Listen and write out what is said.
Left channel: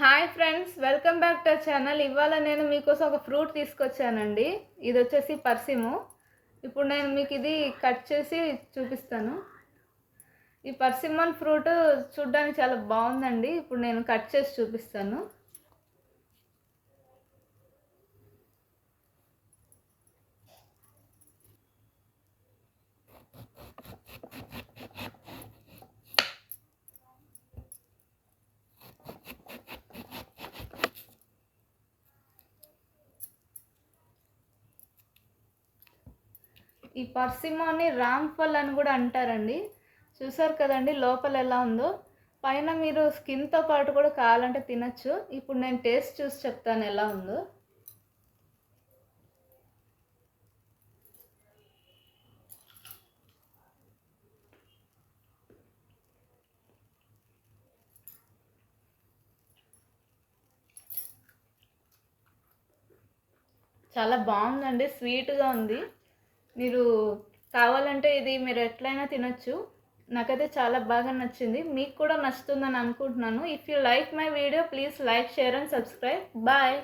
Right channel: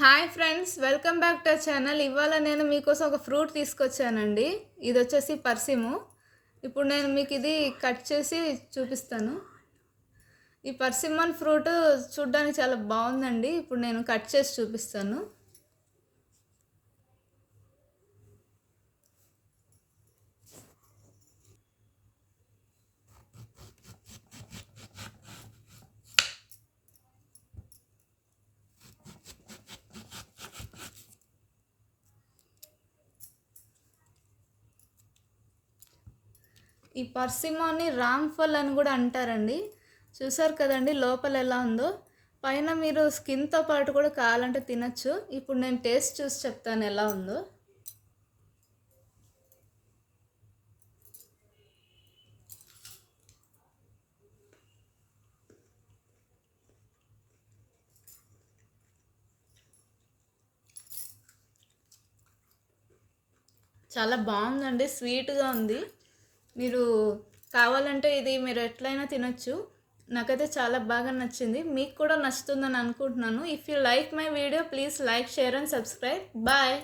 Hi friends, welcome back to channel. ఇవాళ నేను మీకోసం ఒక ఫ్రూట్ తీసుకొచ్చానండి. ఇది వచ్చేసి పర్సిము. ఇప్పుడు నేను మీకు ఇది కట్ చేసి చూపిస్తాను. ఈ పర్సిమన్ ఫ్రూట్ చూడ్డానికి చాలా బాగుందండి. ఇప్పుడు నేను కట్ చేసి చూపిస్తాను. ఈ పర్సిమోని రామ్ఫల్ అని కూడా అంటారండి. చూసారు కదండి లోపల ఎలా ఉందో. పైన మీరు స్కిన్తో పాటు కూడా కావాలంటే తినచ్చు. ఇప్పుడు నేను టేస్ట్ చూసి చెప్తాను ఎలా ఉందో. చాలా బాగుందండి, స్వీట్గా ఉంది. మీరు కావాలంటే ఇది మీరు ఎట్లయినా తినొచ్చు. నాకైతే చాలా బాగా నచ్చింది. మీకు కూడా నచ్చుతుందని అనుకుంటున్నాను. If you like my video please like, share and subscribe. Bye.